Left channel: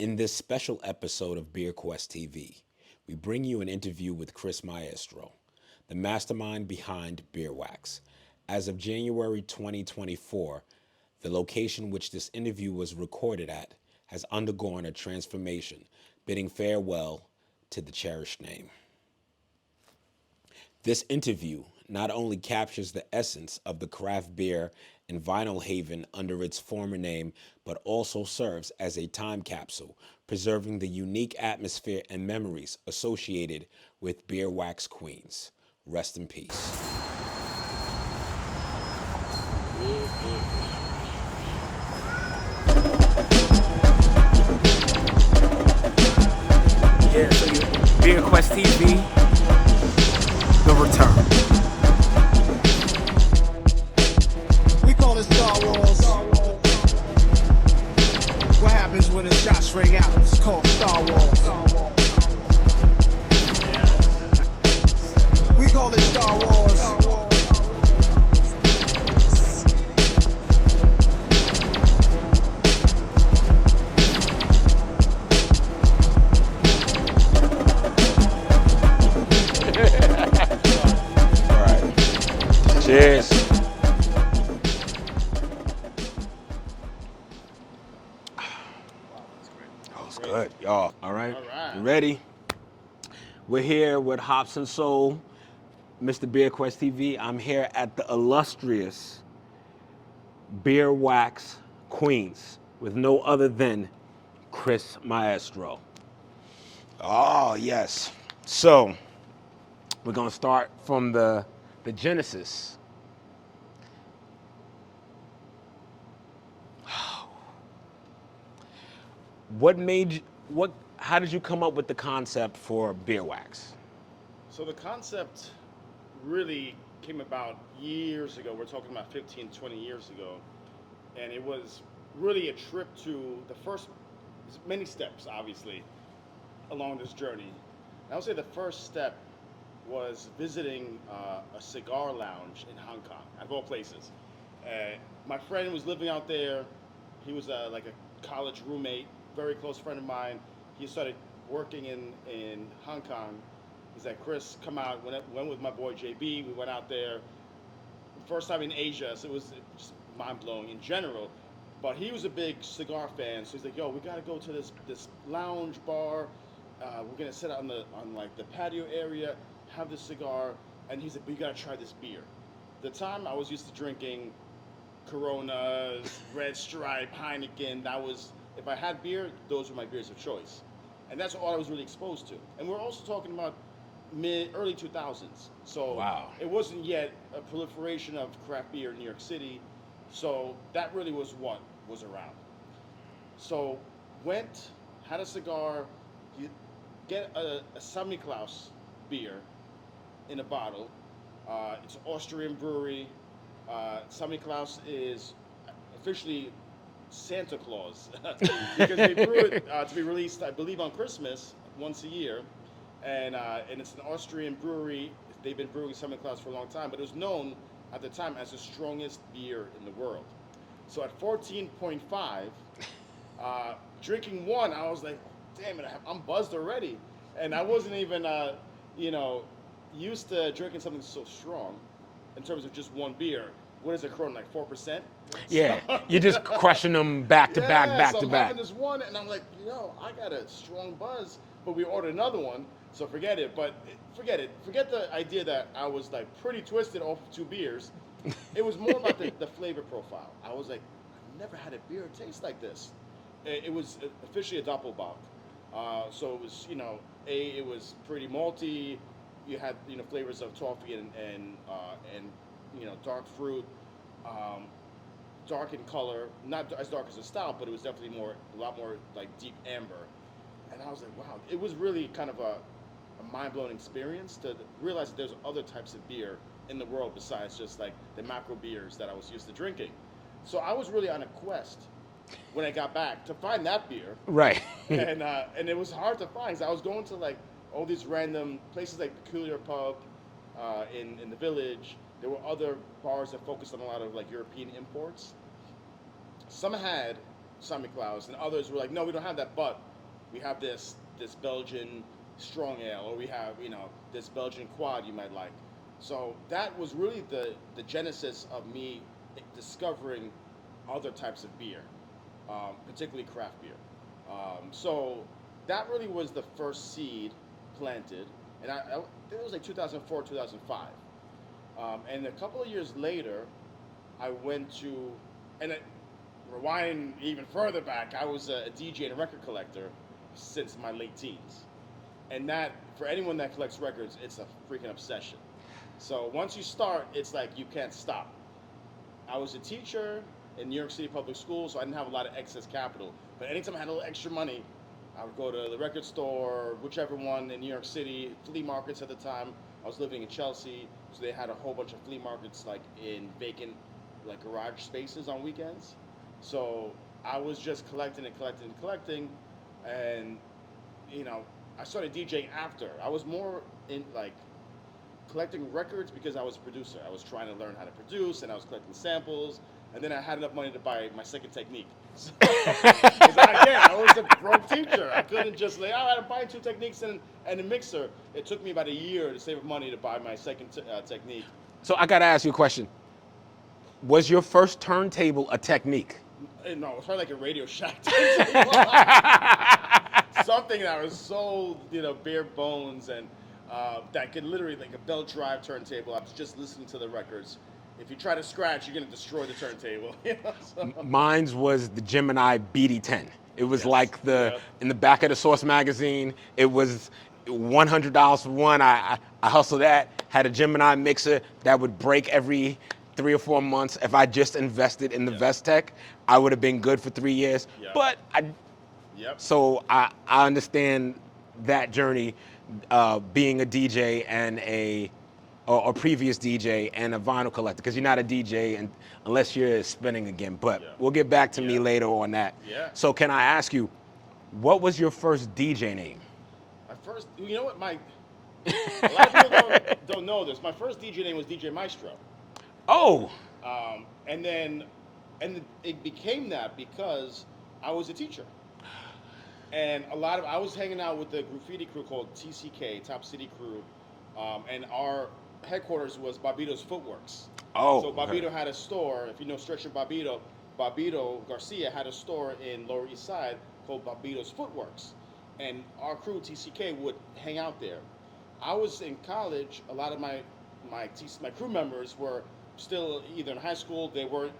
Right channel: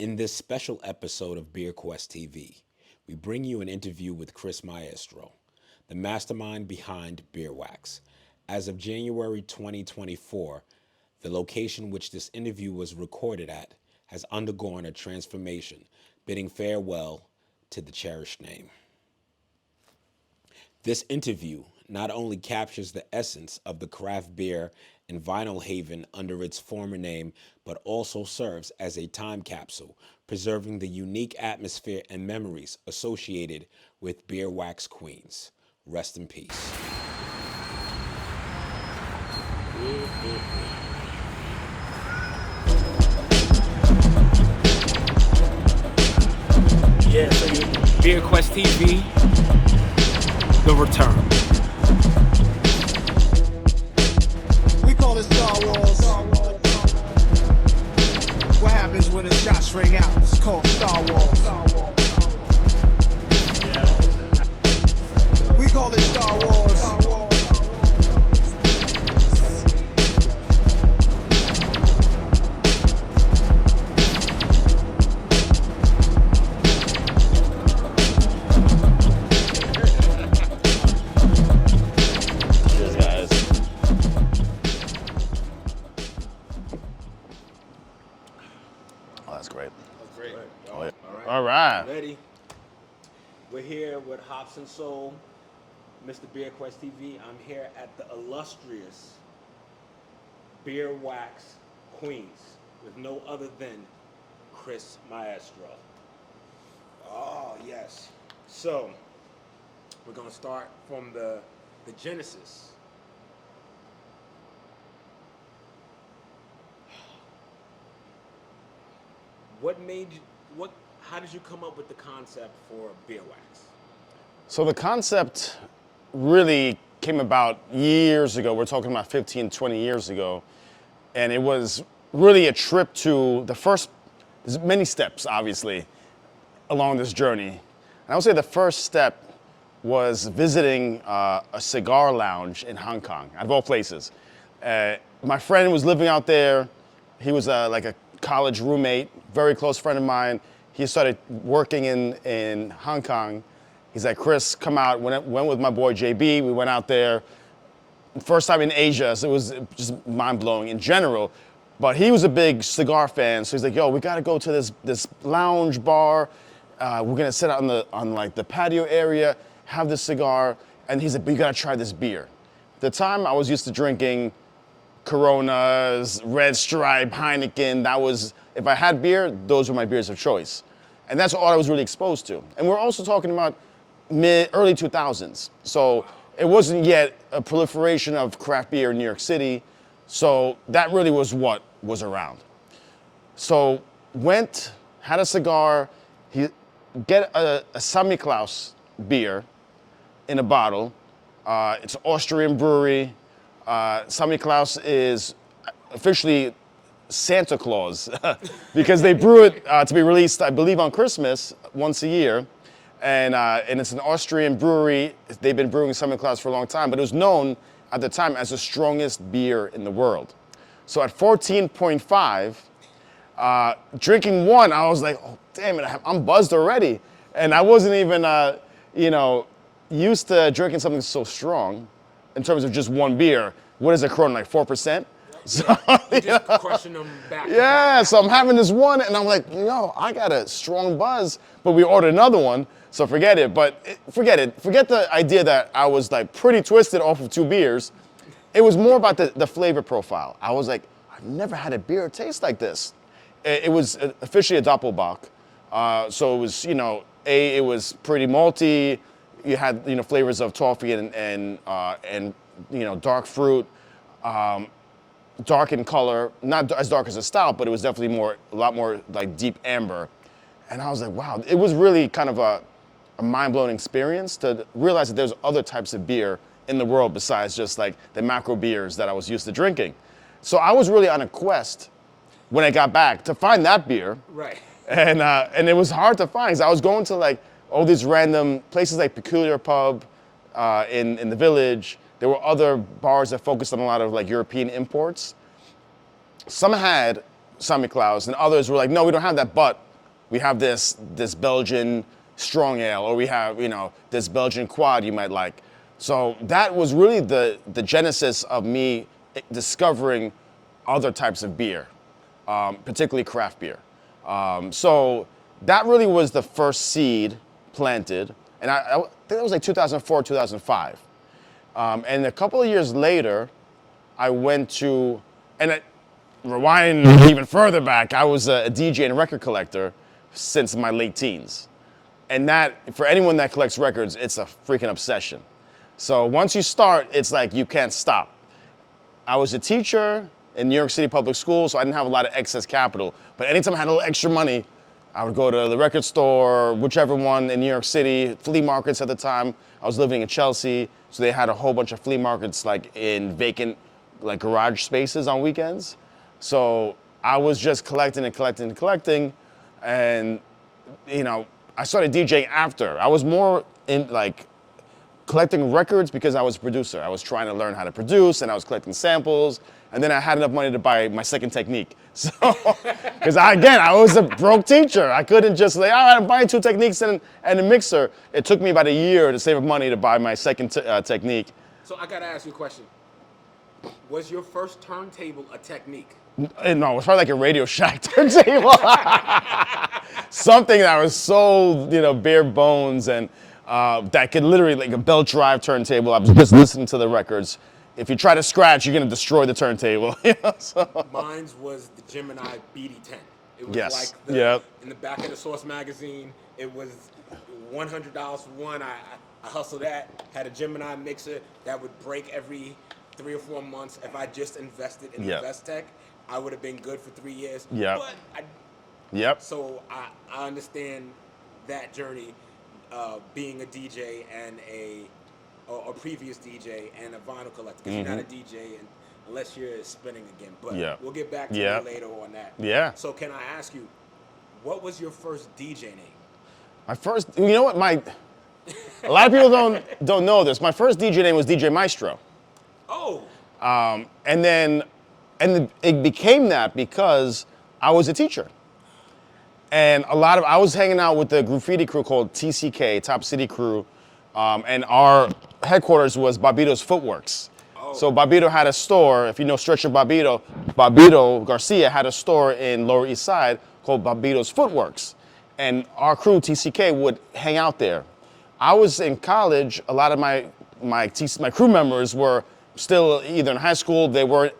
In this special episode of BeerQuestTV, we bring you an interview with Chris Maestro, the mastermind behind BierWax. As of January 2024, the location which this interview was recorded at has undergone a transformation, bidding farewell to the cherished name. This interview not only captures the essence of the craft beer and vinyl haven under its former name, but also serves as a time capsule, preserving the unique atmosphere and memories associated with BierWax Queens. Rest in peace. Yeah, so you BierQuestTV, the return. We call it Star Wars. What happens when the shots ring out? It's called Star Wars. We call it Star Wars. Cheers. Oh, that's great. That's good, y'all. All right. All right. You ready? We're here with Hops and Soul, Mr. BierQuestTV. I'm here at the illustrious BierWax Queens with no other than Chris Maestro. Oh, yes. So, we're going to start from the genesis. How did you come up with the concept for BierWax? So the concept really came about years ago. We're talking about 15, 20 years ago. And it was really a trip to there's many steps, obviously, along this journey. And I would say the first step was visiting a cigar lounge in Hong Kong, out of all places. My friend was living out there. He was like a college roommate, very close friend of mine. He started working in Hong Kong. He's like, Chris, come out. Went with my boy JB. We went out there. First time in Asia, so it was just mind-blowing in general. But he was a big cigar fan, so he's like, yo, we gotta go to this lounge bar. We're gonna sit out on like the patio area, have this cigar, and he's like, but you gotta try this beer. At the time, I was used to drinking Coronas, Red Stripe, Heineken. If I had beer, those were my beers of choice. And that's all I was really exposed to. And we're also talking about early 2000s. So Wow. It wasn't yet a proliferation of craft beer in New York City. So that really was what was around. So had a cigar, get a Samichlaus beer in a bottle. It's an Austrian brewery. Samichlaus is officially Santa Claus because they brew it to be released, I believe, on Christmas once a year. And it's an Austrian brewery. They've been brewing Samichlaus for a long time, but it was known at the time as the strongest beer in the world. So at 14.5, drinking one, I was like, oh, damn it, I'm buzzed already. And I wasn't even, used to drinking something so strong in terms of just one beer. What is a Corona, like 4%? Yeah, you just crushing them back to back. Yeah, back so I'm to back. having this one, and I'm like, I got a strong buzz, but we ordered another one, so forget it. But forget it. Forget the idea that I was like pretty twisted off of two beers. It was more about the flavor profile. I was like, I've never had a beer taste like this. It was officially a Doppelbock, so it was, it was pretty malty. You had, flavors of toffee and dark fruit. Dark in color, not as dark as a stout, but it was definitely a lot more like deep amber. And I was like, wow, it was really kind of a mind-blowing experience to realize that there's other types of beer in the world besides just like the macro beers that I was used to drinking. So I was really on a quest when I got back to find that beer. Right. And it was hard to find because I was going to like all these random places like Peculiar Pub in the Village. There were other bars that focused on a lot of like European imports. Some had Samichlaus and others were like, no, we don't have that, but we have this Belgian strong ale, or we have, this Belgian quad you might like. So that was really the genesis of me discovering other types of beer, particularly craft beer. So that really was the first seed planted, and I think it was like 2004, 2005. And a couple of years later, I went to, rewind even further back, I was a DJ and record collector since my late teens. And that, for anyone that collects records, it's a freaking obsession. So once you start, it's like you can't stop. I was a teacher in New York City public schools, so I didn't have a lot of excess capital. But anytime I had a little extra money, I would go to the record store, whichever one in New York City, flea markets at the time. I was living in Chelsea, so they had a whole bunch of flea markets like in vacant like garage spaces on weekends. So I was just collecting and collecting and collecting, and I started DJing after. I was more in like collecting records because I was a producer. I was trying to learn how to produce, and I was collecting samples, and then I had enough money to buy my second technique. So, because I was a broke teacher. I couldn't just like, all right, I'm buying 2 techniques and a mixer. It took me about a year to save up money to buy my second technique. So I gotta ask you a question. Was your first turntable a technique? No, it was probably like a Radio Shack turntable. Something that was so, bare bones and that could literally, like a belt drive turntable. I was just listening to the records. If you try to scratch, you're gonna destroy the turntable. Mine's was the Gemini BD10. It was Yes. like in the back of the Source magazine. It was $100 for one. I hustled that. Had a Gemini mixer that would break every 3 or 4 months. If I just invested in the Vestec, I would have been good for 3 years. Yep. But so I understand that journey, being a DJ and a previous DJ and a vinyl collector, because you're not a DJ unless you're spinning again. But we'll get back to me later on that. Yeah. So can I ask you, what was your first DJ name? My first, a lot of people don't know this. My first DJ name was DJ Maestro. Oh. And it became that because I was a teacher. And I was hanging out with the graffiti crew called TCK, Top City Crew, and our headquarters was Barbito's Footworks. Oh. So Barbito had a store, if you know Stretcher Barbito Garcia had a store in Lower East Side called Barbito's Footworks. And our crew, TCK, would hang out there. I was in college, a lot of my crew members were still either in high school,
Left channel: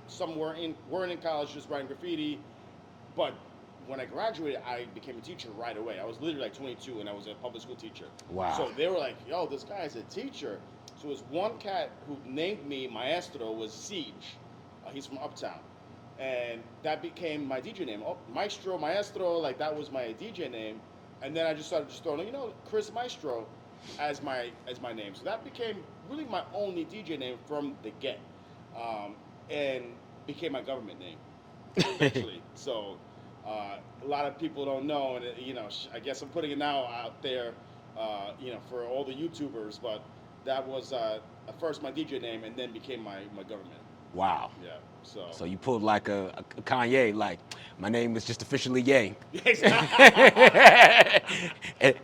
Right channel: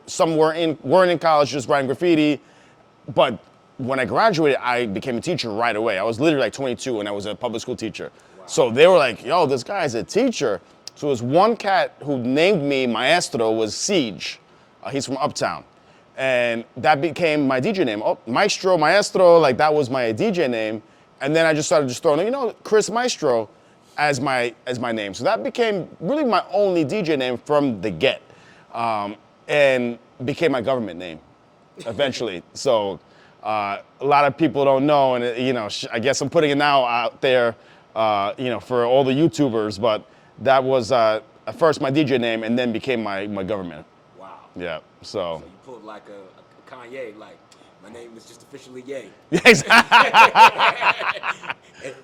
some weren't in college, just writing graffiti, but when I graduated, I became a teacher right away. I was literally like 22 and I was a public school teacher. Wow. So they were like, yo, this guy's a teacher. So it was one cat who named me Maestro, was Siege. He's from Uptown. And that became my DJ name. Oh, Maestro, Maestro, like that was my DJ name. And then I just started throwing, Chris Maestro as my name. So that became really my only DJ name from the get. And became my government name eventually. So a lot of people don't know, and I guess I'm putting it now out there, for all the YouTubers. But that was at first my DJ name, and then became my government. Wow. Yeah. So you pulled like a Kanye, like my name is just officially Ye. Exactly.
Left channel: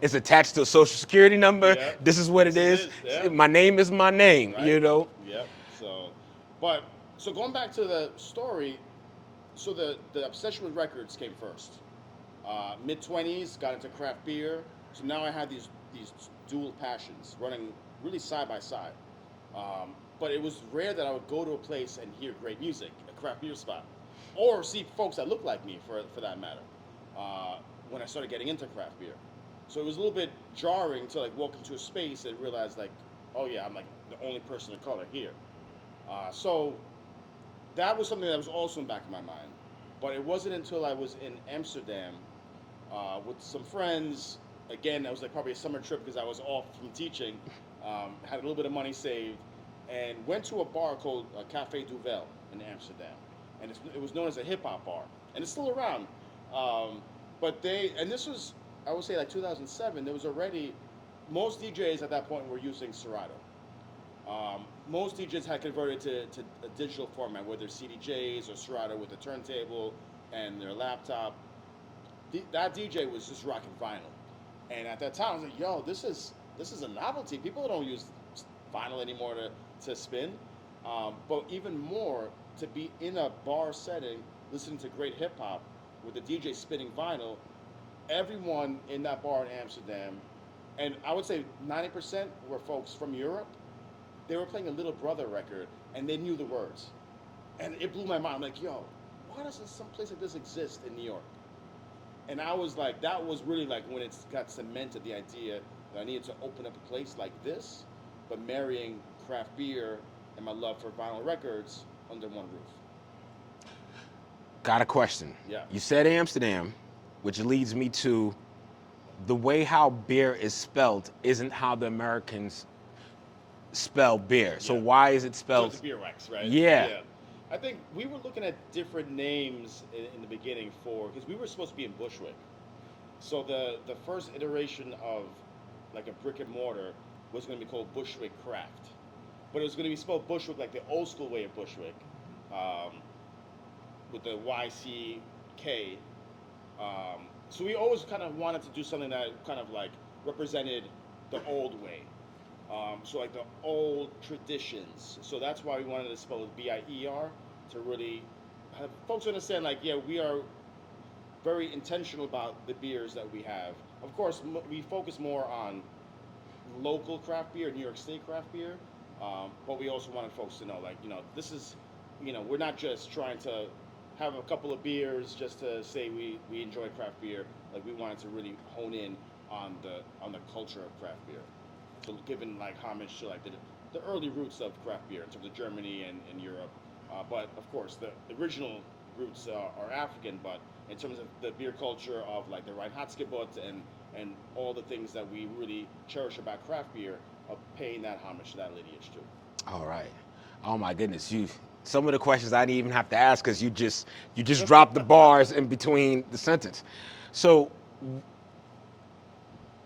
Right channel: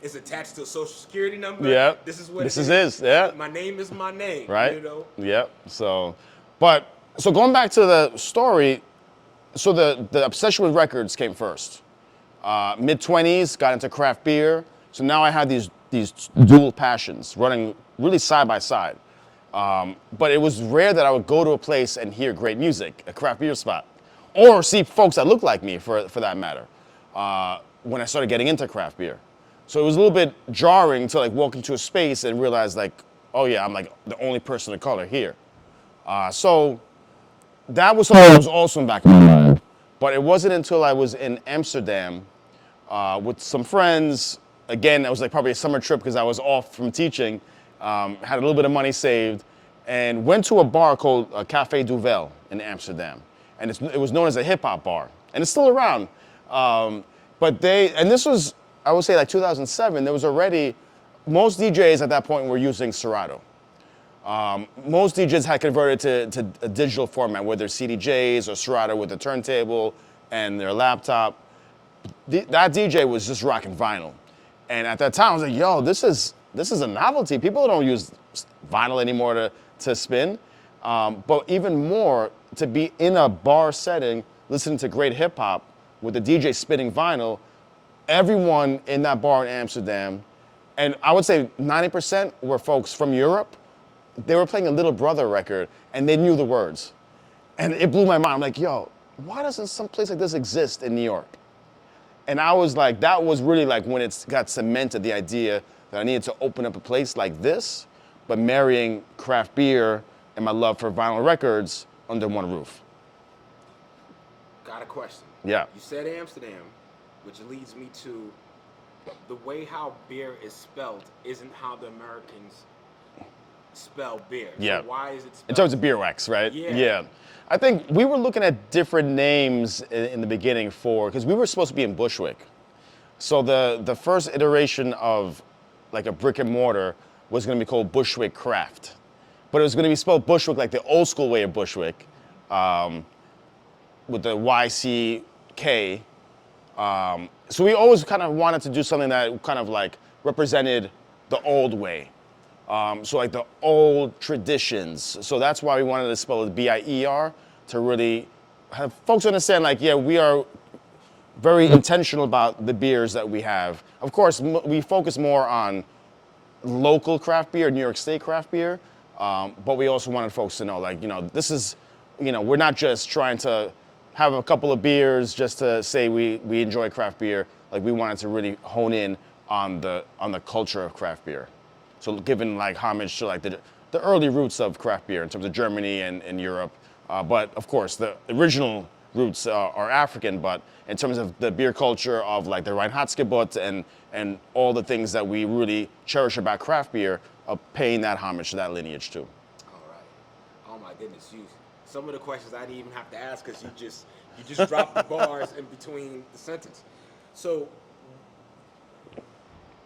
It's attached to a social security number. Yeah. This is what this it is. Yeah. My name is my name. Right. Yeah. So going back to the story. So the obsession with records came first. Mid-20s, got into craft beer. So now I had these dual passions running really side by side. But it was rare that I would go to a place and hear great music, a craft beer spot, or see folks that look like me for that matter, when I started getting into craft beer. So it was a little bit jarring to like walk into a space and realize like, oh yeah, I'm like the only person of color here. So that was something that was also in the back of my mind. But it wasn't until I was in Amsterdam with some friends. Again, it was like probably a summer trip because I was off from teaching, had a little bit of money saved, and went to a bar called Café Duvel in Amsterdam. And it was known as a hip hop bar. And it's still around. But this was, I would say like 2007, there was already, most DJs at that point were using Serato. Most DJs had converted to a digital format, whether CDJs or Serato with a turntable and their laptop. that DJ was just rocking vinyl. And at that time, I was like, yo, this is a novelty. People don't use vinyl anymore to spin. But even more, to be in a bar setting, listening to great hip hop with the DJ spinning vinyl, everyone in that bar in Amsterdam, and I would say 90% were folks from Europe. They were playing a Little Brother record and they knew the words. And it blew my mind. I'm like, yo, why doesn't some place like this exist in New York? And I was like, that was really like when it got cemented, the idea that I needed to open up a place like this, but marrying craft beer and my love for vinyl records under one roof. Got a question. Yeah. You said Amsterdam, which leads me to the way how beer is spelled isn't how the Americans spell beer. Yeah. So why is it In spelled? terms of BierWax, right? Yeah. Yeah. I think we were looking at different names in the beginning because we were supposed to be in Bushwick. So the first iteration of like a brick and mortar was going to be called Bushwick Craft. But it was going to be spelled Bushwick like the old school way of Bushwick, with the YCK. So we always kind of wanted to do something that kind of like represented the old way. So like the old traditions. So that's why we wanted to spell it BIER, to really have folks understand like, yeah, we are very intentional about the beers that we have. Of course, we focus more on local craft beer, New York State craft beer, but we also wanted folks to know like, this is, we're not just trying to have a couple of beers just to say we enjoy craft beer. Like we wanted to really hone in on the culture of craft beer. So giving like homage to like the early roots of craft beer in terms of Germany and Europe. But of course, the original roots are African, but in terms of the beer culture of like the Reinheitsgebot and all the things that we really cherish about craft beer, of paying that homage to that lineage too. All right. Oh my goodness, some of the questions I didn't even have to ask because you just dropped the bars in between the sentence. So,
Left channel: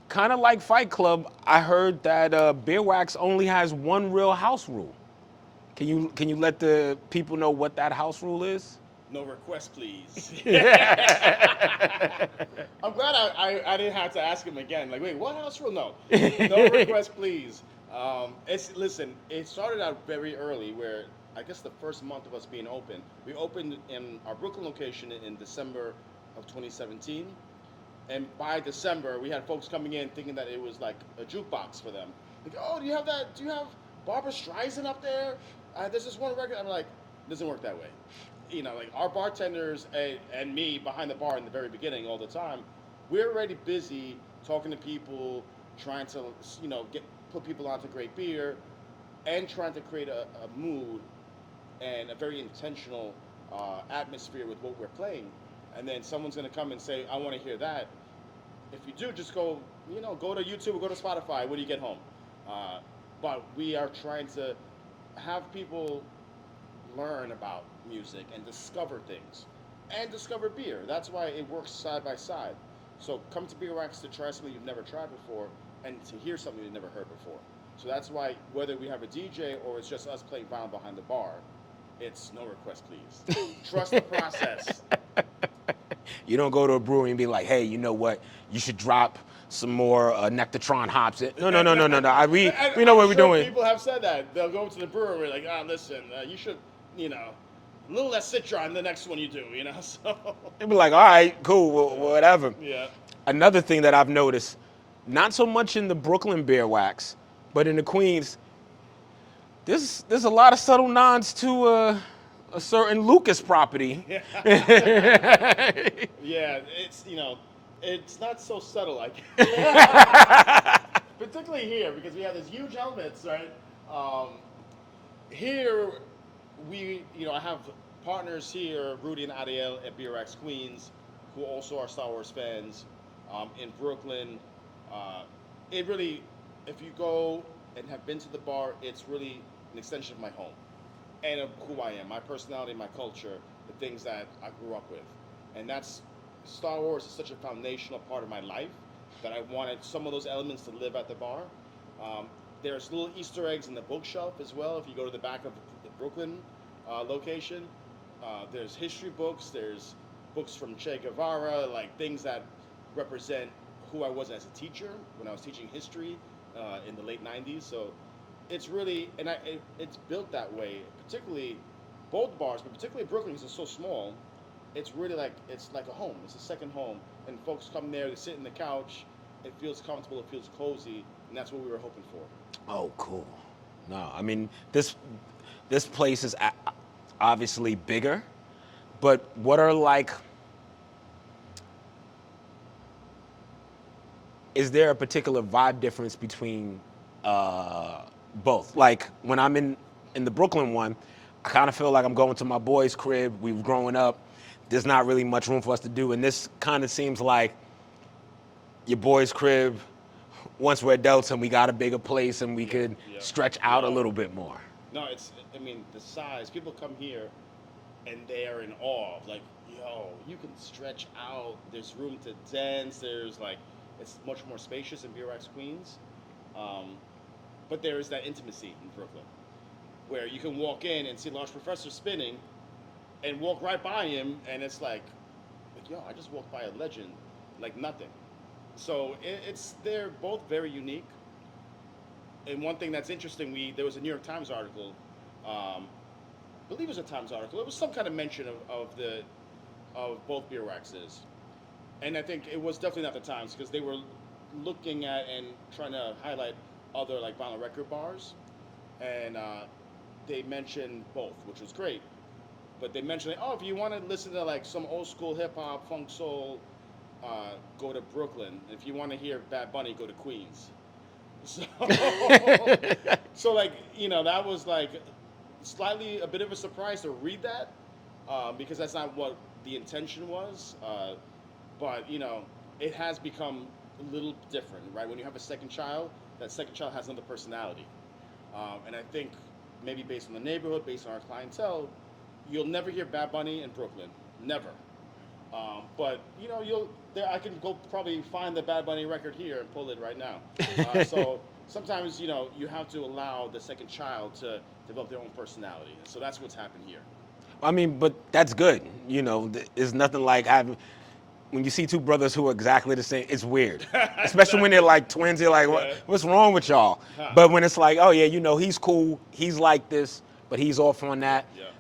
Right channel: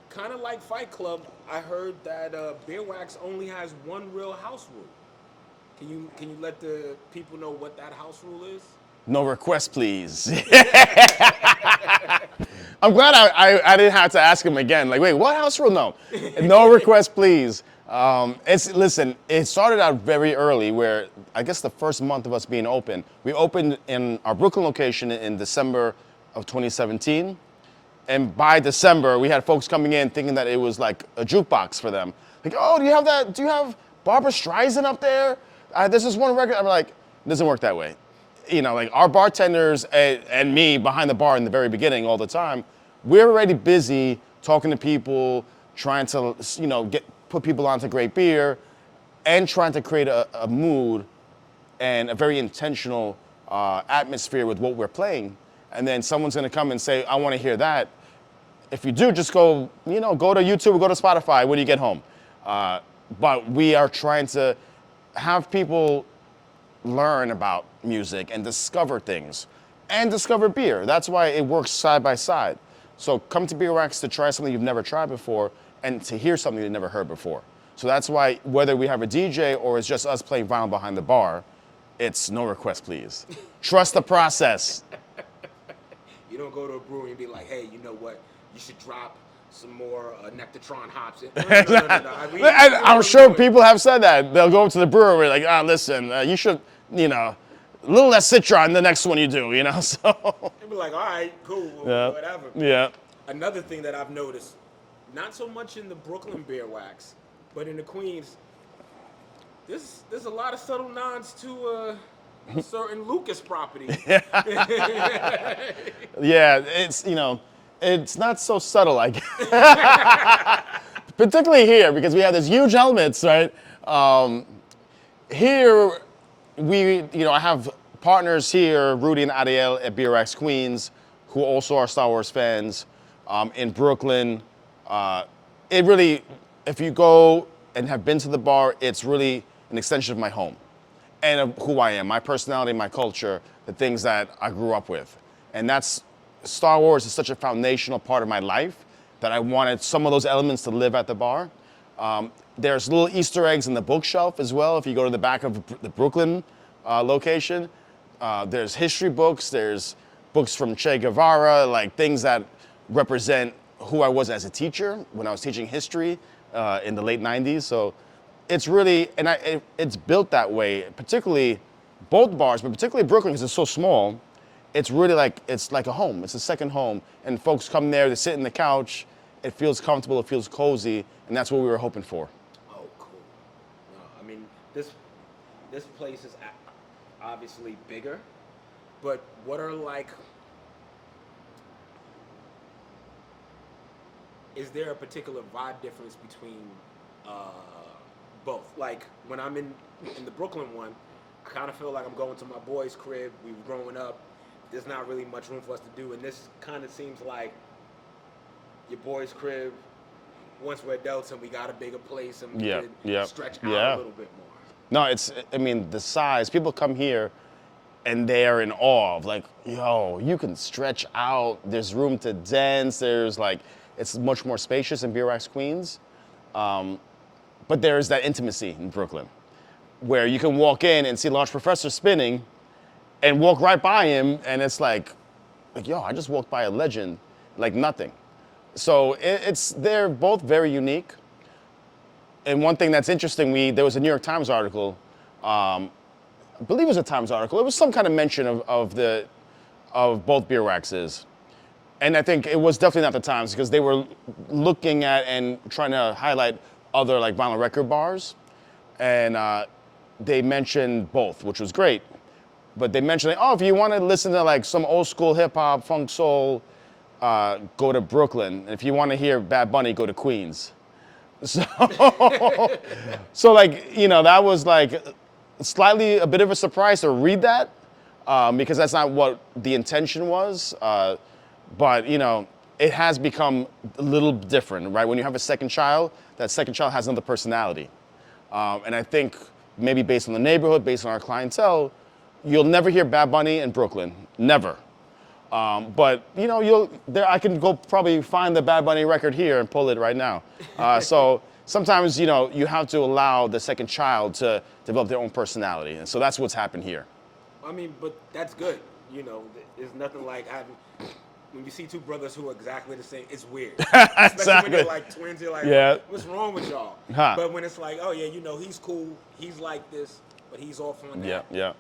kind of like Fight Club, I heard that BierWax only has one real house rule. Can you let the people know what that house rule is? No request, please. I'm glad I didn't have to ask him again. Like, wait, what house rule? No request, please. Listen, it started out very early where I guess the first month of us being open, we opened in our Brooklyn location in December of 2017. And by December, we had folks coming in thinking that it was like a jukebox for them. Like, oh, do you have Barbara Streisand up there? This is one record. I'm like, it doesn't work that way. Like our bartenders and me behind the bar in the very beginning all the time, we're already busy talking to people, trying to, put people onto great beer, and trying to create a mood and a very intentional atmosphere with what we're playing. And then someone's gonna come and say, I wanna hear that. If you do, just go to YouTube or go to Spotify when you get home. But we are trying to have people learn about music and discover things and discover beer. That's why it works side by side. So come to BierWax to try something you've never tried before and to hear something you've never heard before. So that's why whether we have a DJ or it's just us playing vinyl behind the bar, it's no request, please. Trust the process. You don't go to a brewery and be like, hey, you know what? You should drop some more Nectatron hops. No. I'm sure people have said that. They'll go to the brewery like, listen, you should, a little less Citron the next one you do, so. They'll be like, all right, cool, whatever. Yeah. Another thing that I've noticed, not so much in the Brooklyn BierWax, but in the Queens, there's a lot of subtle nods to a certain Lucas property. Yeah, it's not so subtle, I guess. Particularly here, because we have these huge helmets, right? Here, I have partners here, Rudy and Ariel at BierWax Queens, who also are Star Wars fans. In Brooklyn, it really, if you go and have been to the bar, it's really an extension of my home and of who I am, my personality, my culture, the things that I grew up with. And Star Wars is such a foundational part of my life that I wanted some of those elements to live at the bar. There's little Easter eggs in the bookshelf as well. If you go to the back of the Brooklyn location, there's history books, there's books from Che Guevara, like things that represent who I was as a teacher when I was teaching history in the late 90s. So it's really, and it's built that way, particularly both bars, but particularly Brooklyn because it's so small. It's really like, it's like a home. It's a second home. And folks come there, they sit in the couch. It feels comfortable, it feels cozy, and that's what we were hoping for. Oh, cool. No, I mean, this place is obviously bigger, but what are like, is there a particular vibe difference between both? Like when I'm in the Brooklyn one, I kind of feel like I'm going to my boy's crib. We've grown up. There's not really much room for us to do, and this kind of seems like your boy's crib. Once we're adults and we got a bigger place and we could stretch out a little bit more. No, I mean, the size, people come here and they're in awe of like, yo, you can stretch out, there's room to dance, there's like, it's much more spacious in BierWax Queens. But there's that intimacy in Brooklyn where you can walk in and see Large Professor spinning and walk right by him and it's like, yo, I just walked by a legend, like nothing. So they're both very unique. And one thing that's interesting, there was a New York Times article, I believe it was a Times article. It was some kind of mention of both BierWaxes. And I think it was definitely not the Times because they were looking at and trying to highlight other like vinyl record bars. And they mentioned both, which was great. But they mentioned, like, oh, if you want to listen to like some old school hip hop, funk soul, go to Brooklyn. And if you want to hear Bad Bunny, go to Queens. So, so like, you know, that was like slightly a bit of a surprise to read that because that's not what the intention was. But, you know, it has become a little different, right? When you have a second child, that second child has another personality. And I think maybe based on the neighborhood, based on our clientele, you'll never hear Bad Bunny in Brooklyn, never. But you know, I can go probably find the Bad Bunny record here and pull it right now. So sometimes, you know, you have to allow the second child to develop their own personality. And so that's what's happened here. I mean, but that's good. You know, there's nothing like when you see two brothers who are exactly the same, it's weird. Especially when they're like twins, you're like, what's wrong with y'all? Huh. But when it's like, oh yeah, you know, he's cool, he's like this, but he's off on that. Yeah.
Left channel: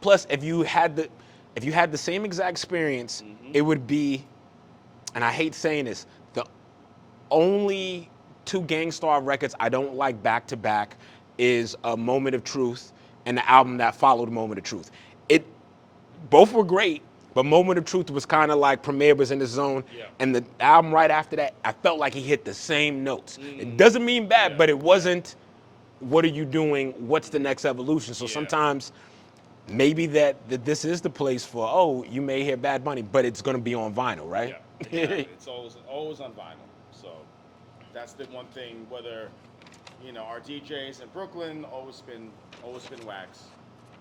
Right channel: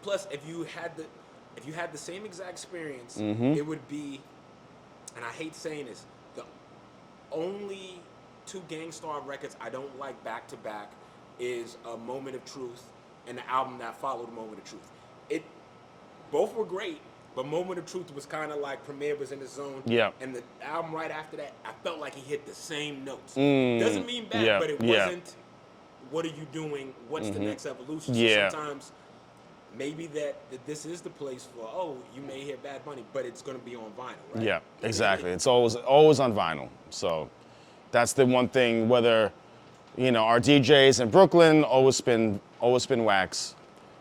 Plus, if you had the same exact experience, it would be, and I hate saying this, the only two Gang Starr records I don't like back to back is A Moment of Truth and the album that followed Moment of Truth. Both were great, but Moment of Truth was kind of like Premier was in the zone. Yeah. And the album right after that, I felt like he hit the same notes. It doesn't mean bad, but it wasn't, what are you doing? What's the next evolution? So sometimes maybe that this is the place for, oh, you may hear Bad Bunny, but it's going to be on vinyl, right? Yeah, exactly. It's always on vinyl. So that's the one thing, whether, you know, our DJs in Brooklyn always spin wax.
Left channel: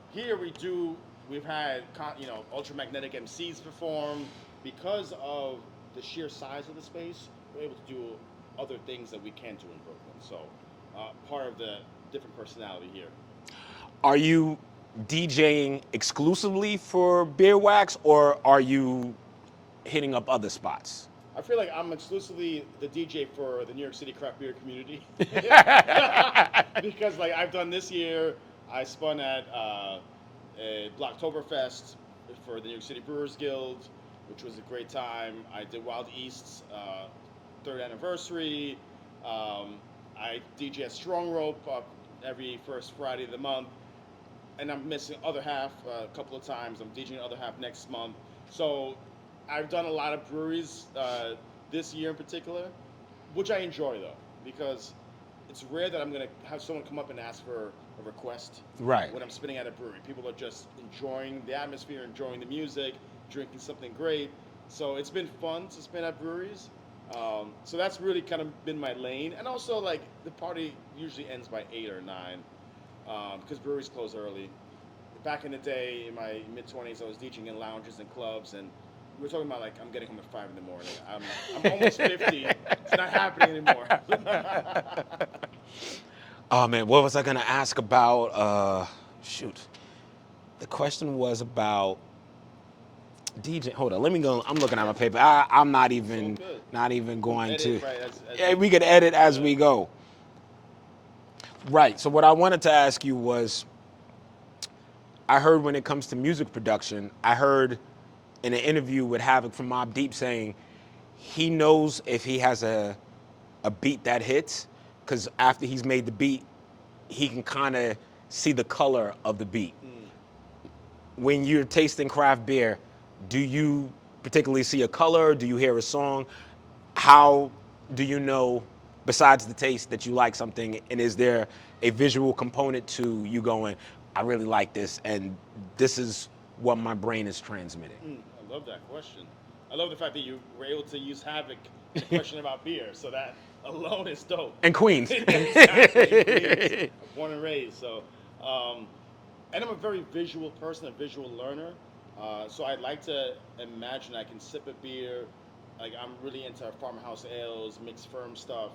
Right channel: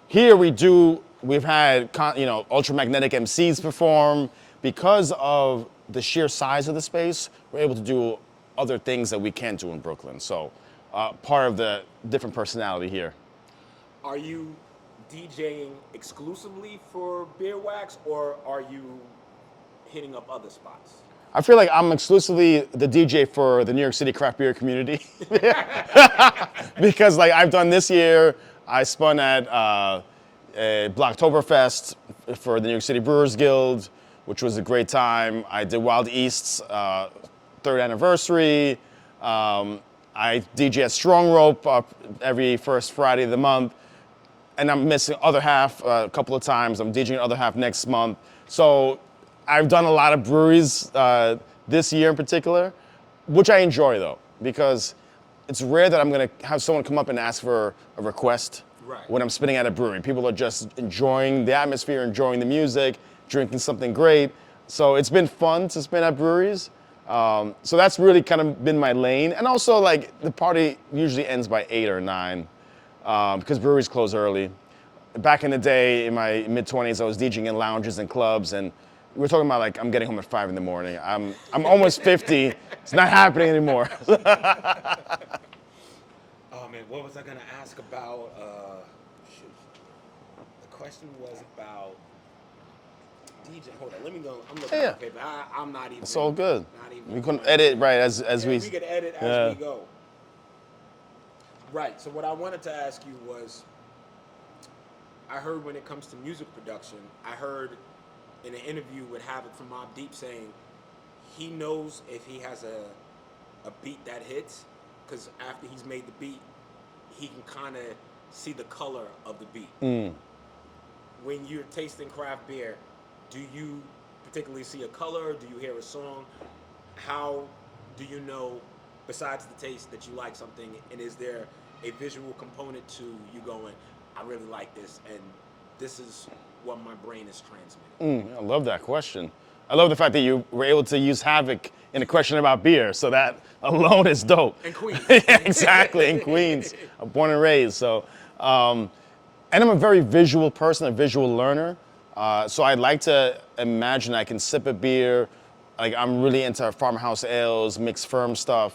Here we've had, you know, ultramagnetic MCs perform. Because of the sheer size of the space, we're able to do other things that we can't do in Brooklyn. So part of the different personality here. Are you DJing exclusively for BierWax, or are you hitting up other spots? I feel like I'm exclusively the DJ for the New York City craft beer community. Because like I've done this year, I spun at Blocktoberfest for the New York City Brewers Guild, which was a great time. I did Wild East's 3rd anniversary. I DJ at Strong Rope every first Friday of the month. And I'm missing other half a couple of times. I'm DJing other half next month. So I've done a lot of breweries this year in particular, which I enjoy though, because it's rare that I'm gonna have someone come up and ask for a request when I'm spinning at a brewery. People are just enjoying the atmosphere, enjoying the music, drinking something great. So it's been fun to spin at breweries. So that's really kind of been my lane. And also like the party usually ends by 8 or 9. Because breweries close early. Back in the day, in my mid-20s, I was DJing in lounges and clubs, and we were talking about like I'm getting home at 5 in the morning. I'm almost 50. It's not happening anymore. Oh man, what was I gonna ask about? Shoot, the question was about DJ, hold on, let me go. I'm looking at Yeah. my paper. I'm not even. It's all good. Not even We going can edit to, right as yeah, we could edit as we go. Right. So what I wanted to ask you was, I heard when it comes to music production, I heard in an interview with Havoc from Mobb Deep saying he knows if he has a beat that hits, because after he's made the beat, he can kind of see the color of the beat. When you're tasting craft beer, do you particularly see a color? Do you hear a song? How do you know, besides the taste, that you like something? And is there a visual component to you going, I really like this, and this is what my brain is transmitting? I love that question. I love the fact that you were able to use Havoc in a question about beer, so that alone is dope. And Queens. Exactly, in Queens. I'm born and raised, so. And I'm a very visual person, a visual learner. So I like to imagine I can sip a beer, like I'm really into farmhouse ales, mixed firm stuff,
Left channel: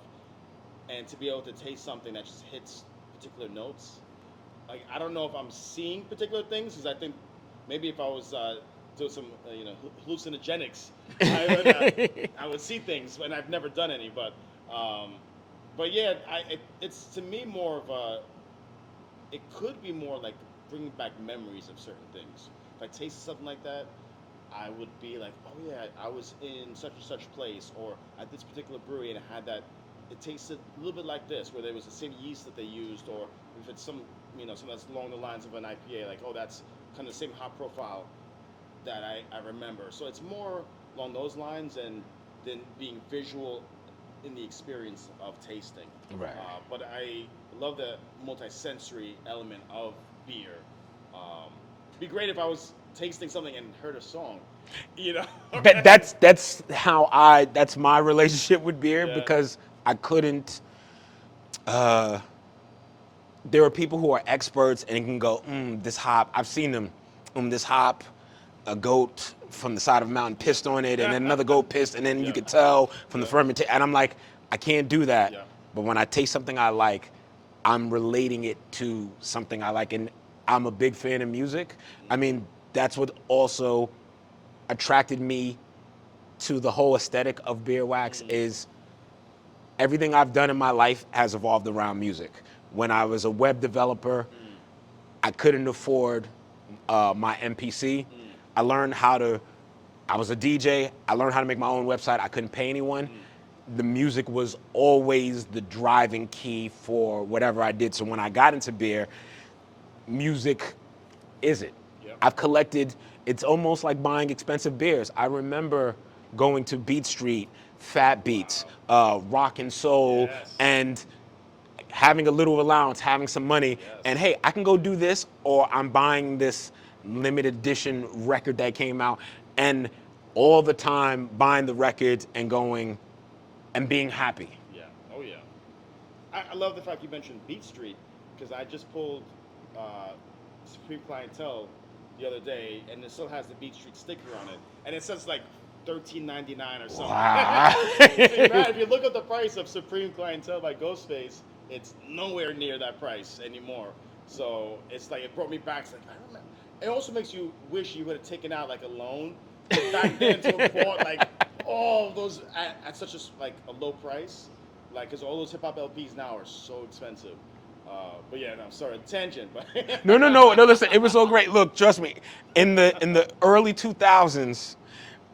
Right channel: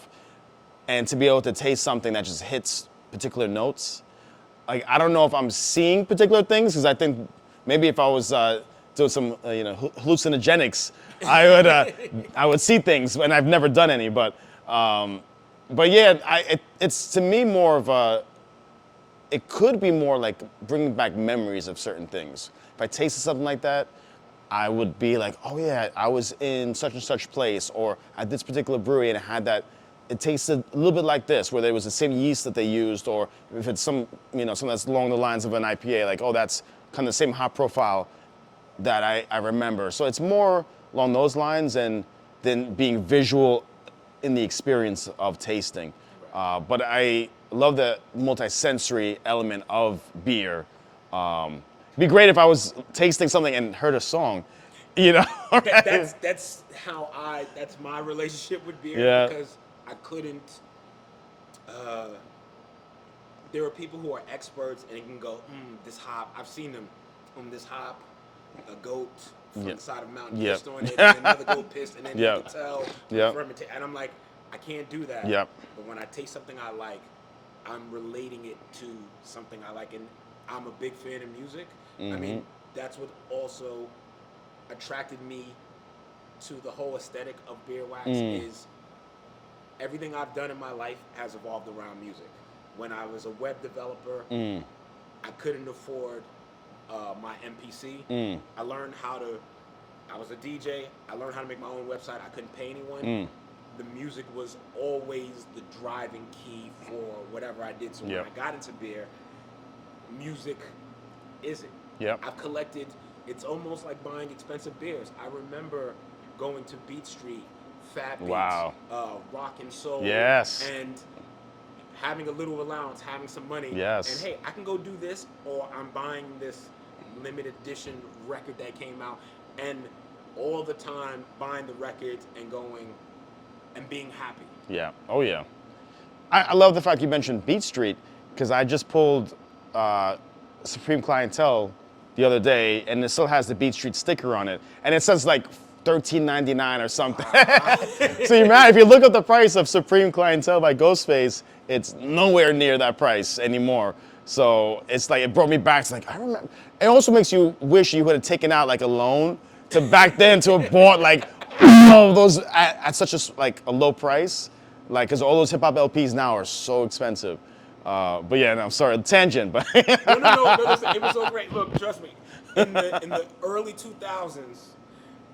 and to be able to taste something that just hits particular notes. Like, I don't know if I'm seeing particular things, because I think maybe if I was doing some hallucinogenics, I would see things, and I've never done any. But yeah, it's to me more of a. It could be more like bringing back memories of certain things. If I tasted something like that, I would be like, oh yeah, I was in such and such place, or at this particular brewery and it had that. It tasted a little bit like this, where there was the same yeast that they used, or if it's something that's along the lines of an IPA, like, oh, that's kind of the same hop profile that I remember. So it's more along those lines than being visual in the experience of tasting. Right. But I love the multi-sensory element of beer. It'd be great if I was tasting something and heard a song, That's my relationship with beer, Yeah. because I couldn't. There are people who are experts and can go, this hop. I've seen them. This hop, a goat from the side of a mountain pissed on it, and then another goat pissed, and then you could tell from the fermentation. And I'm like, I can't do that. Yep. But when I taste something I like, I'm relating it to something I like, and I'm a big fan of music. I mean, that's what also attracted me to the whole aesthetic of BierWax is everything I've done in my life has evolved around music. When I was a web developer, I couldn't afford my MPC. I learned I was a DJ, I learned how to make my own website. I couldn't pay anyone. The music was always the driving key for whatever I did. So when I got into beer, music is it. Yep. I've collected, it's almost like buying expensive beers. I remember going to Beat Street, Fat Beats, Rock and Soul, Yes. and having a little allowance, having some money, Yes. and hey, I can go do this, or I'm buying this limited edition record that came out, and all the time buying the records and going and being happy. Yeah. Oh yeah. I love the fact you mentioned Beat Street, because I just pulled Supreme Clientele the other day, and it still has the Beat Street sticker on it, and it says like $13.99 or something. Wow. So if you look up the price of Supreme Clientele by Ghostface, it's nowhere near that price anymore. So it's like, it brought me back to like, I remember. It also makes you wish you would have taken out like a loan to back then to have bought like all those at such a low price, like, because all those hip hop LPs now are so expensive. But yeah, no, I'm sorry, tangent, but No, listen, it was so great. Look, trust me, in the early 2000s,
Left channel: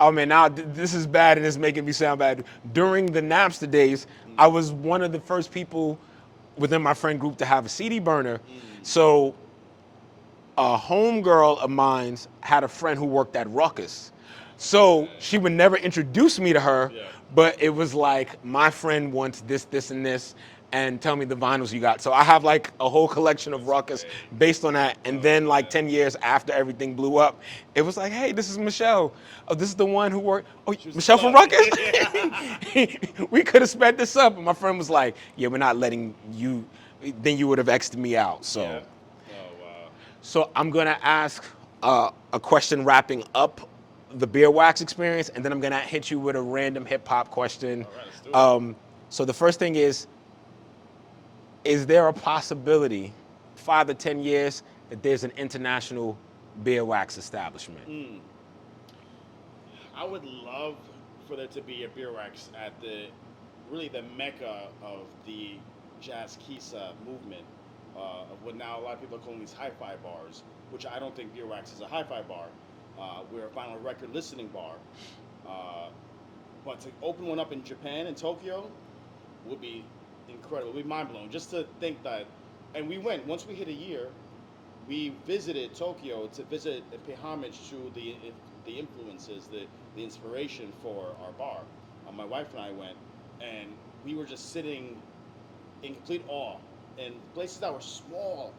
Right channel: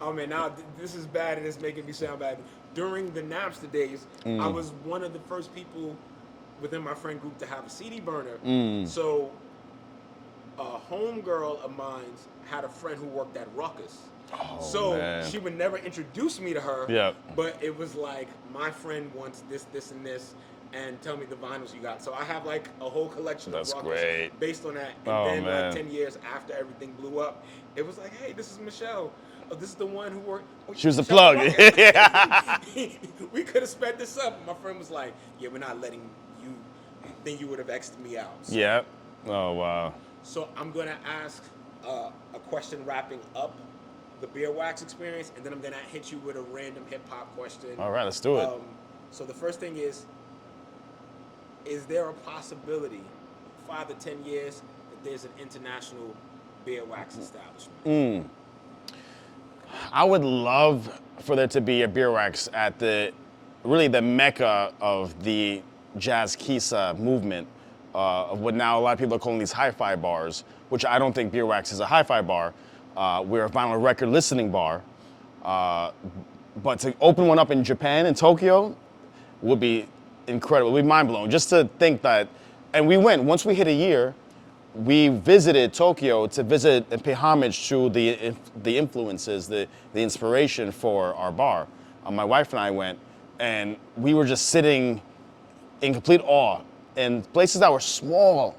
oh man, now this is bad and it's making me sound bad. During the Napster days, I was one of the first people within my friend group to have a CD burner. So a homegirl of mine had a friend who worked at Ruckus. So man. she would never introduce me to her, Yeah. but it was like, my friend wants this, this, and this, and tell me the vinyls you got. So I have like a whole collection of That's Ruckus great. based on that. And Oh, then like man. 10 years after everything blew up, it was like, hey, this is Michelle. Oh, this is the one who worked. Oh, She was the Michelle from plug. Ruckus. We could have sped this up. And my friend was like, yeah, we're not letting you, then you would have X'd me out. So. yeah. Oh wow. So I'm gonna ask a question wrapping up the BierWax experience, and then I'm gonna hit you with a random hip hop question. All right, let's do it. So the first thing is there a possibility, 5 to 10 years, that there's an international BierWax establishment? I would love for there to be a BierWax at really the mecca of the jazz kisa movement, of what now a lot of people are calling these hi-fi bars, which I don't think BierWax is a hi-fi bar. We're a vinyl record listening bar. But to open one up in Japan, in Tokyo, would be incredible. It would be mind-blowing. Just to think that, and we went, once we hit a year, we visited Tokyo to visit and pay homage to the influences, the inspiration for our bar. My wife and I went, and we were just sitting in complete awe in places that were small.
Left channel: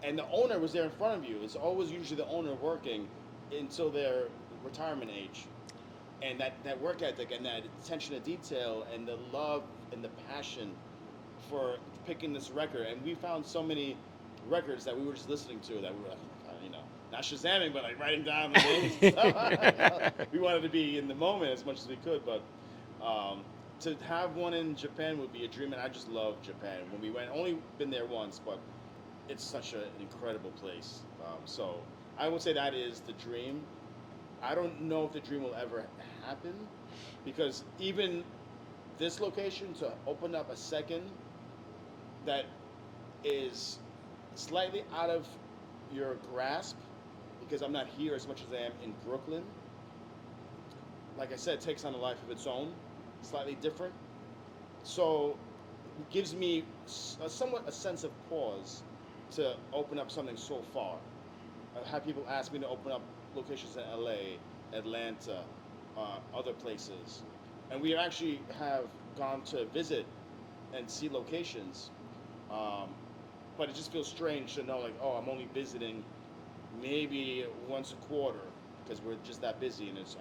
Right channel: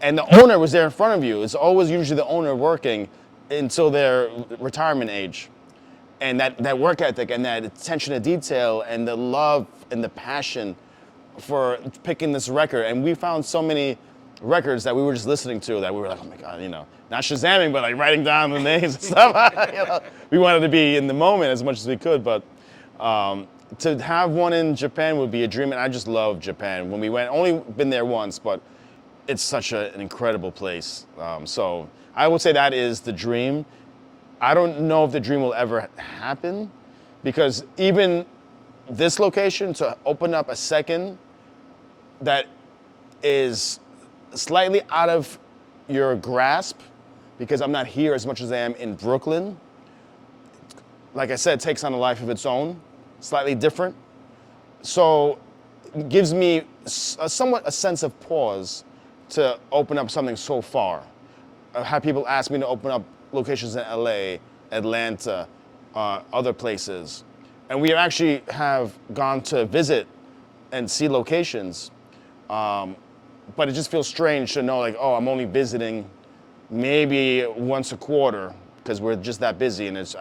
And the owner was there in front of you. It's always usually the owner working until their retirement age. And that work ethic and that attention to detail and the love and the passion for picking this record. And we found so many records that we were just listening to that we were like, oh my God, not Shazamming, but like writing down the names and stuff. We wanted to be in the moment as much as we could, but to have one in Japan would be a dream. And I just love Japan. When we went, only been there once, but it's such an incredible place. So I would say that is the dream. I don't know if the dream will ever happen, because even this location, to open up a second that is slightly out of your grasp, because I'm not here as much as I am in Brooklyn, like I said, takes on a life of its own, slightly different. So it gives me somewhat a sense of pause to open up something so far. I've had people ask me to open up locations in LA, Atlanta, other places. And we actually have gone to visit and see locations, but it just feels strange to know, like, oh, I'm only visiting maybe once a quarter because we're just that busy, and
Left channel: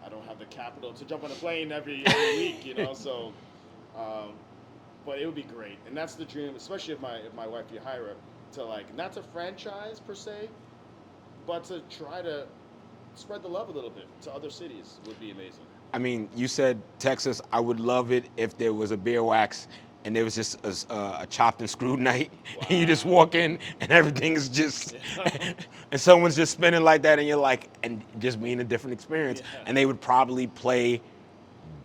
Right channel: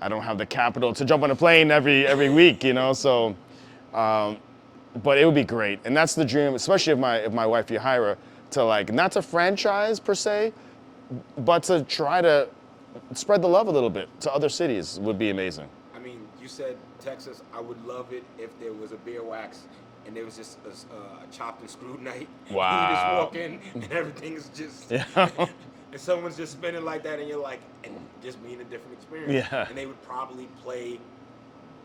I don't have the capital to jump on a plane every week, so, but it would be great. And that's the dream, especially if my wife Yahaira, to like, not to franchise per se, but to try to spread the love a little bit to other cities would be amazing. I mean, you said Texas. I would love it if there was a BierWax and there was just a chopped and screwed night. Wow. And you just walk in and everything is just, and someone's just spinning like that, and you're like, and just being a different experience. Yeah. And they would probably play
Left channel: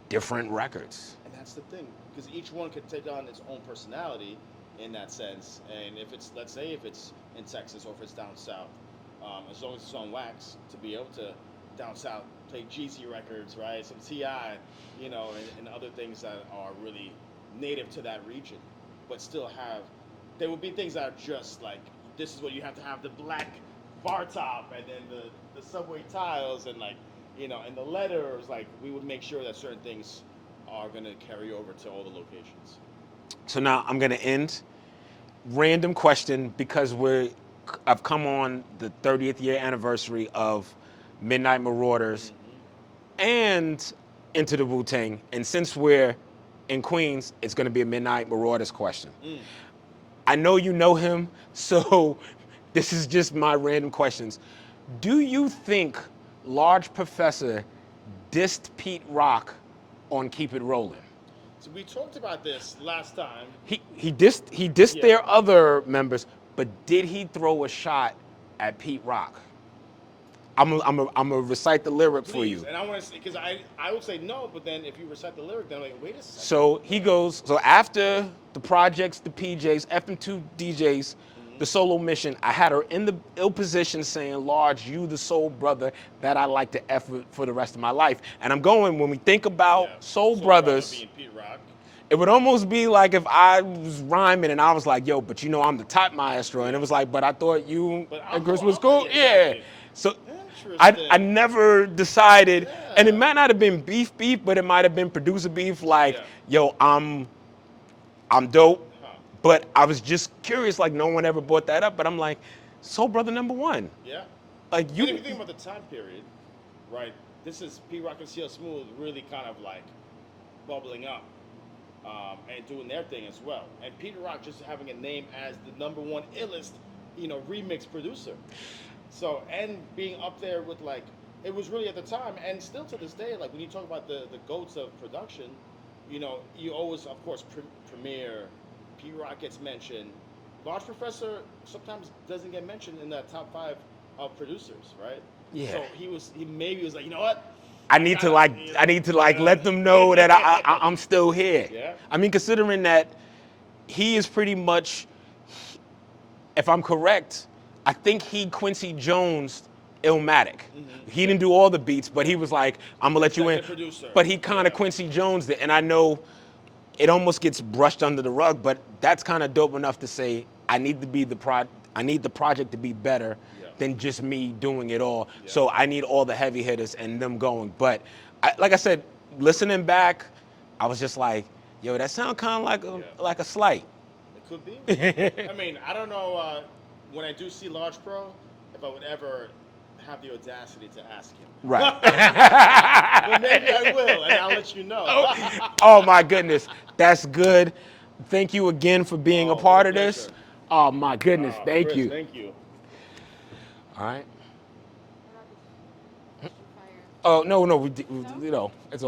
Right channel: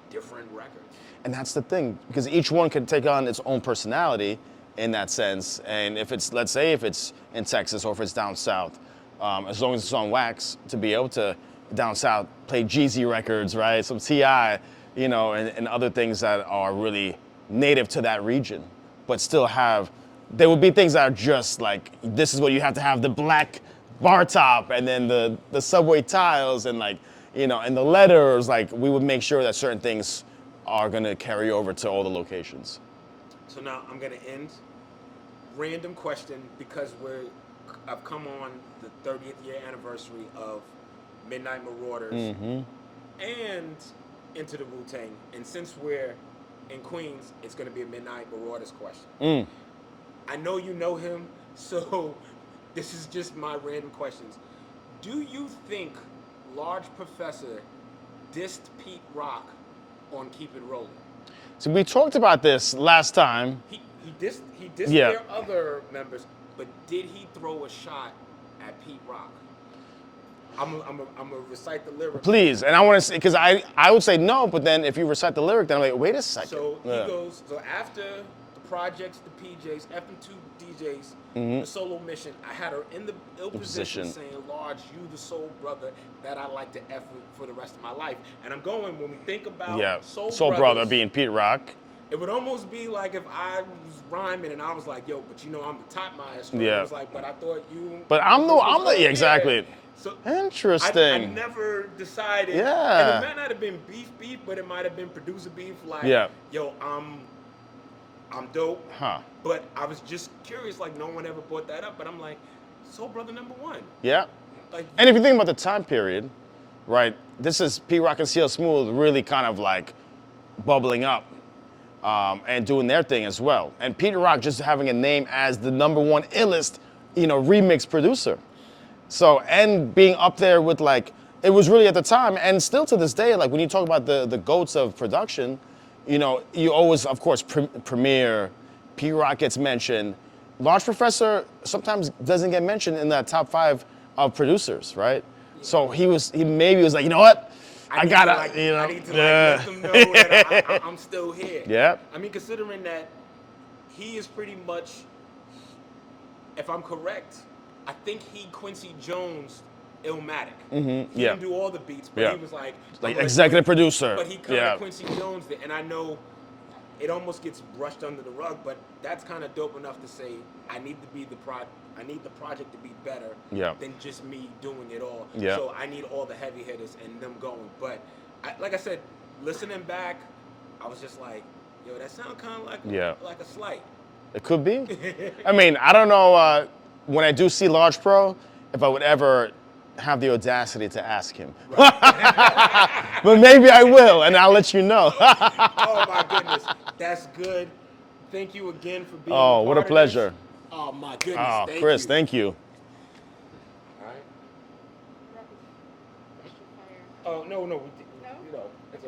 different records. And that's the thing, because each one could take on its own personality in that sense. And if it's, let's say if it's in Texas or if it's down south, as long as it's on wax, to be able to down south play Jeezy records, right? Some T.I., and other things that are really native to that region, but still there will be things that are just like, this is what you have to have, the black bar top and then the subway tiles and and the letters, we would make sure that certain things are gonna carry over to all the locations. So now I'm gonna end. Random question, because I've come on the 30th year anniversary of Midnight Marauders and Into the Wu-Tang. And since we're in Queens, it's going to be a Midnight Marauders question. I know you know him, so this is just my random questions. Do you think Large Professor dissed Pete Rock on Keep It Rollin'? So we talked about this last time. He dissed their other members, but did he throw a shot at Pete Rock? I'm gonna recite the lyric. Please, and I want to say, because I would say no, but then if you recite the lyric, then I'm like, wait a second. So he goes, so after the projects, the PJs, FM2 DJs, the solo mission, I had her in the ill position saying, Large, you the soul brother that I like to F for the rest of my life. And I'm going, when we think about soul brothers, brother being Pete Rock, it would almost be like if I was rhyming and I was like, yo, but I'm the top maestro. And it was like, but I thought you. But I'm the exactly. Yeah. So interesting. I never decided, Yeah. and it might not have been beef, but it might have been producer beef. Like, yo, I'm dope. But I was just curious, like no one ever brought that up. But I'm like, Soul Brother #1. Yeah. Like, and if you think about the time period, right? This is Pete Rock and CL Smooth really kind of like bubbling up and doing their thing as well. And Pete Rock just having a name as the #1 illest, remix producer. So, and being up there with it was really at the time, and still to this day, when you talk about the goats of production, you always, of course, Premier, Pete Rock gets mentioned. Large Professor sometimes doesn't get mentioned in that top 5 of producers, right? So he maybe was like, you know what? I need to let them know that I'm still here. Yeah. I mean, considering that he is pretty much, if I'm correct, I think he Quincy Jones Illmatic. He didn't do all the beats, but he was like, I'm gonna let you in. Executive producer. But he kind of Quincy Jones it, and I know it almost gets brushed under the rug, but that's kind of dope enough to say I need the project to be better than just me doing it all. So I need all the heavy hitters and them going. But like I said, listening back, I was just like, yo, that sound kind of like a slight. It could be. I mean, I don't know when I do see Large Pro, if I would ever have the audacity to ask him. Right. But maybe I will, and I'll let you know. Oh my goodness, that's good. Thank you again for being a part of this. Pleasure. Oh my goodness, thank Chris, you. thank you. All right. Oh no, it's